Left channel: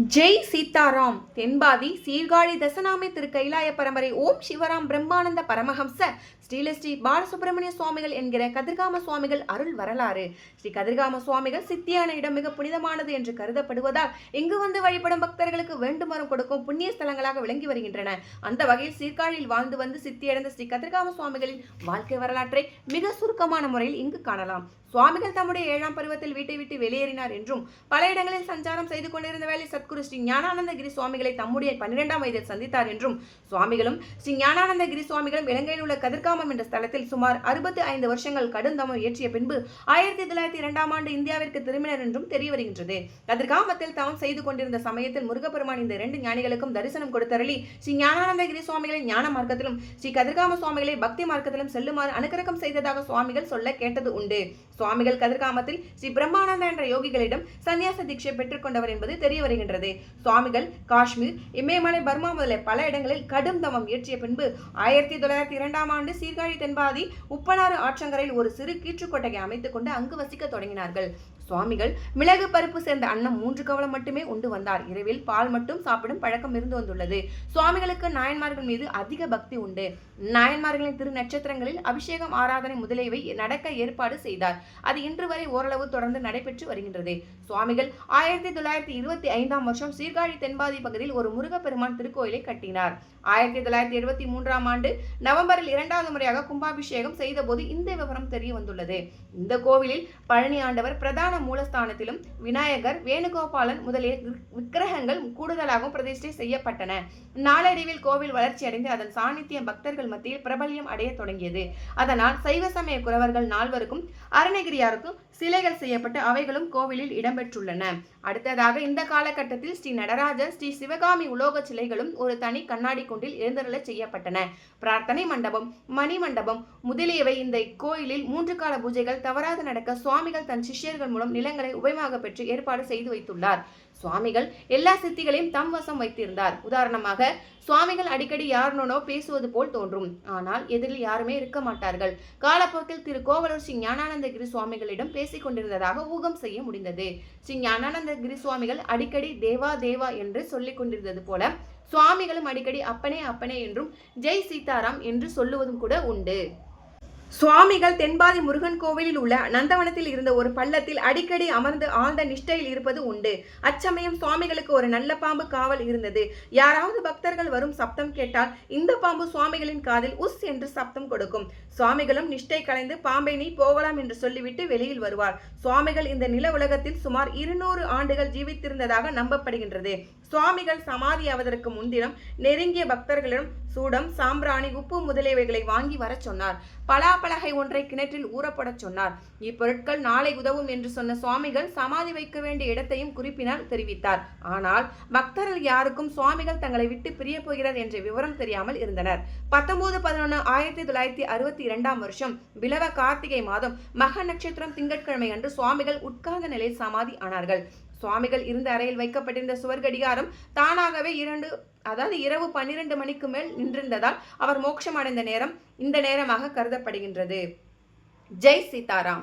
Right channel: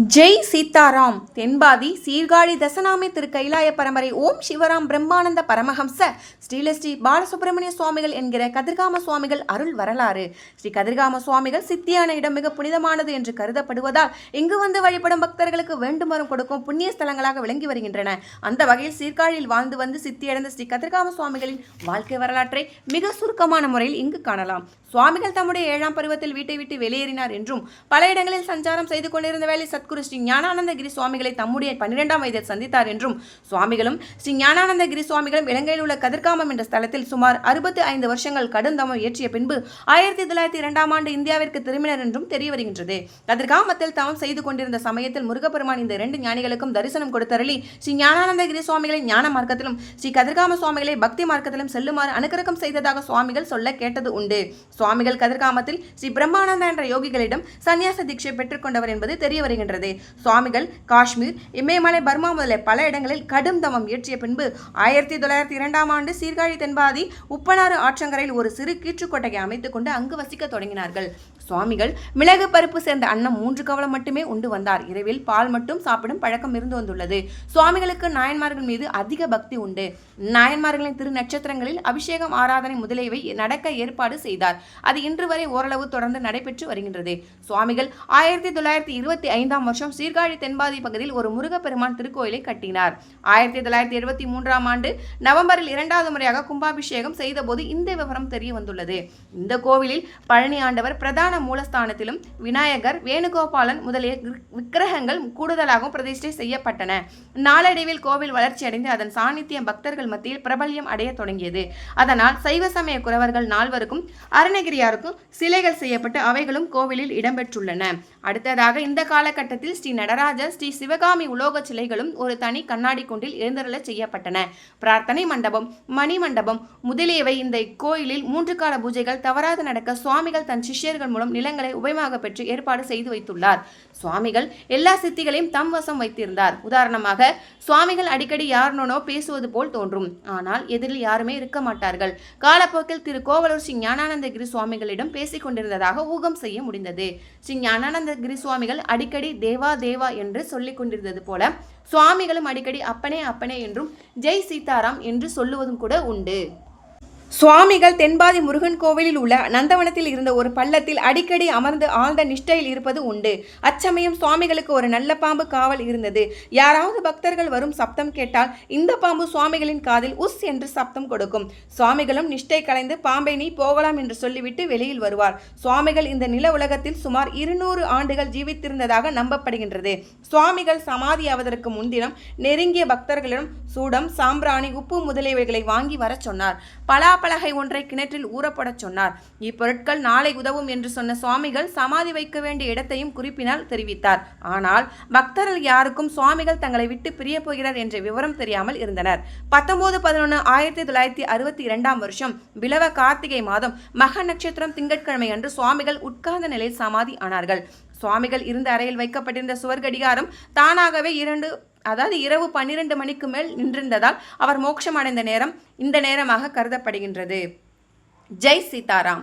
ஜெய் சீதாராம். தென்பாதி சீர்காழி தசநாமி திரு கைலாய பரம்பரை ஓம் சிவராம் பிரம்மானந்த பரமஹம்ச ஸ்ரீ பாலசுப்பிரமணிய சுவாமிகள் என்கிற கதிர்காம சுவாமிகள் அருள் வரலாறு. ஸ்ரீ கதிர்காம சுவாமிகள் சித்தியான இடம் மிக புனிதமானது என்று கருதப்படுவதால் இங்கு வந்து வழிபடும் பக்தர்களுக்கு வேண்டுமரம் கொடுக்கும் புண்ணிய ஸ்தலங்களாக விளங்கி வருகின்றன. அந்த வகையில் சீர்காழியில் வாழ்ந்து வந்து சித்தியடைந்த ஸ்ரீ கதிர்காம சுவாமிகளின் வாழ்க்கை வரலாற்றை மிக சுருக்கமான முறையில் இங்கு காணலாம். சுவாமிகள் தம்முடைய 7ஆம் பருவத்தில் வீட்டை விட்டு வெளியேறினார் என்றும் பல இடங்களில் சஞ்சாரம் செய்து கொண்டிருந்த வேலை சத்குரு ஸ்ரீ ஞானானந்தகிரி சுவாமிகளை தம்முடைய 12ஆம் வயதில் சந்தித்தார் என்றும் சுவாமிகளும் ஸ்ரீ ஞானானந்தகிரி சுவாமிகளும் இலங்கையில் உள்ள கதிர்காமம் என்ற ஸ்தலத்தில் சுமார் 65 வருஷங்கள் கடுந்தமம் இயற்றிய பின்பு 1902ஆம் ஆண்டு இந்தியாவிற்கு திரும்பினர் என்றும் தெரிய வருகின்றது. கதிர்காமத்தில் தவம் செய்து கொண்டிருந்த சமயத்தில் முருகப்பெருமான் இந்த 2 ஞானிகளுக்கும் தரிசனம் கொடுத்தருளி ஸ்ரீ ஞானானந்தகிரி சுவாமிகளை ஞான மார்க்கத்திலும் ஸ்ரீ கதிர்காம சுவாமிகளை பக்தி மார்க்கத்திலும் செல்லுமாறு அனுக்கிரகம் செய்ததாக சுவாமிகள் சொல்ல கேட்டது உண்டு. சுவாமிகள் கதிர்காமத்தில் ஸ்ரீ பிரம்மானந்தா என்ற யோகிகளிடம் சன்னியாச தீட்சை பெற்றுக்கொண்டவர் என்பது தெரிய வருகின்றது. சுவாமிகள் காஷ்மீர், இமயமலை, பர்மா முதலிய பல இடங்களில் கடும் தவம் இயற்றிய பின்பு 1902ஆம் ஆண்டு சீர்காழி தென்பாதி உப்பனாறு ஆற்றங்கரையில் ஒரு சிறு கீற்றுக்கொட்டையை அமைத்துக் கொண்டு அங்கு வசிக்க தொடங்கினார்கள். சுவாமிகள் மிளகு பருப்பு சேர்ந்த அன்னம் 3 கவலம் மட்டுமே உண்டு வந்தார். இரவில் பால் மட்டும் சாப்பிடும் பழக்கம் இருந்து வந்துள்ளது. சுவாமிகளுக்கு நாயன்மார்கள் மீது அதிக பக்தி உண்டு. நாயன்மார்களின் திரு நட்சத்திரங்களில் அபிஷேகம், ஆராதனை முதலியவை நடக்க ஏற்பாடு செய்தார். அது இன்று வரை ஓரளவு தொடர்ந்து நடைபெற்று வருகின்றது. சுவாமிகள் 1925ஆம் வருஷம் சீர்காழி தென்பாதி பகுதியில் ஒரு முருகப்பெருமான் திருக்கோயிலை கட்டினார். 1973ஆம் ஆண்டு நவம்பரில் 2வது முறையாக கும்பாபிஷேகம் செய்தபோது இந்த விவரம் தெரிய வந்துள்ளது. இந்த கோவிலில் பழனி ஆண்டவர் பிரதான மூலஸ்தானத்திலும் விநாயகர், வேணுகோபாலன் முதலிய விக்கிரகங்கள் கூடுதலாகவும் பிரதிஷ்டை செய்யப்பட்டன. நாளடைவில் கோவில் வளர்ச்சியடைந்து அதன் சாநித்தியம் பக்தர்கள் மத்தியில் பிரபல்யம் அடைய தொடங்கியது. அதனால் சைவ சமய குறவர்கள் 4வருக்கும் அருணகிரியாருக்கும் சிலைகள் செய்யப்பட்டு அவைகளும் கோவிலில் இடம்பெற்றுள்ளன. அடுத்ததாக இந்த காலகட்டத்தில் ஸ்ரீ நடராஜர், ஸ்ரீ சிவகாமி உலோக சிலைகளும் ஒரு தனி கண்ணாடி குண்டில் எழுந்தருள செய்யப்பட்டன. பிரார்த்தனை மண்டபம், மணி மண்டபம் முதலியவை இந்த கோயிலில் 3 கால பூஜைகள் தவறாது நடக்க சுவாமிகள் தன் சிஷ்யர்கள் மூலம் நிலங்களை உபயமாக பெற்று ஏற்பாடு செய்து வைத்துள்ளார். சுவாமிகள் எல்லா சித்திகளையும் தம் வசம் வைத்திருந்தார். உதாரணமாக சுவாமிகள் அடிக்கடி யாருனோ பேசுவது போல் தோன்றும். ஆனால் எதிரில் யாருமே இருக்க மாட்டார்கள். காலப்போக்கில் திரு கோவலூர் ஸ்ரீ ஞானானந்தகிரி சுவாமிகளிடம் பேசிக் கொண்டிருந்ததாக ஊகம் செய்ய முடிந்தது. ஸ்ரீ ஞானானந்தகிரி சுவாமிகள் அடிக்கடி தேவா தேவா என்று சொல்லிக் கொண்டிருந்தது போல சுவாமிகளும் அடிக்கடி அப்பனே அப்பனே என்றும் ஜெய் சீதாராம் என்று சொல்லுவதும் கூட உண்டு. சுவாமிகள் தென்பாதி முருகன் கோவிலில் உள்ள நந்தவனத்தில் இருந்த ஒரு பள்ளத்தில் அடிக்கடி அமர்ந்து ஆழ்ந்த நிஷ்டையில் இருப்பது உண்டு. அச்சமயம் சுவாமிகளுக்கு ஒரு நல்ல பாம்பு காவல் இருந்தது. யாராவது பக்தர்கள் வரும் சப்தம் கேட்டால் இந்த பாம்பு சுவாமிகளின் காதில் உஸ் என்று சப்தம் கொடுக்கும். சுவாமிகளும் நிஷ்டை கலைந்து பாம்பை நீ போகலாம் என்று சொல்லிவிட்டு வெளியில் வருவார். சுவாமிகள் இந்த நில உலகத்தில் சுமார் 200 ஆண்டுகள் ஜீவித்திருந்ததாக நம்பப்படுகின்றது. சுவாமிகள் சமாதியாவதற்கு முன்தினம் நெருங்கிய பக்தர்களிடம் சூடம், சாம்பிராணி, உப்பு முதலியவைகளை வாங்கி வர சொன்னார். பலாப்பலகை ஒன்றை கிணற்றில் ஊறப்படச் சொன்னார். இப்பொருட்கள் நாளை உதவும் என்று சொன்ன சுவாமிகள் சமாதி வைக்க வேண்டிய இடத்தையும் குறிப்பினால் தெரிவித்தார். ஆனால் பக்தர்கள் யாருக்கும் சுவாமிகள் தங்களை விட்டு பிரிய போகிறார் என்ற விவரம் தெரியாமல் இருந்தனர். 19/11/1962ஆம் வருஷம் பிலவ கார்த்திகை மாதம் மக நட்சத்திரம் திங்கட்கிழமை அன்று சுவாமிகள் உட்கார்ந்த நிலையில் சமாதி ஆனார்கள். சுவாமிகள் இருந்த அறையில் வைக்கப்பட்டிருந்த சுவர்கடிகாரம் தானாகவே இரவு 12 மணிக்கு மேல் நின்றிருந்ததால் அவர் மோட்சம் அடைந்த நேரம் இந்த நேரமாக கருதப்படுகின்றது. ஜெய் சீதாராம்.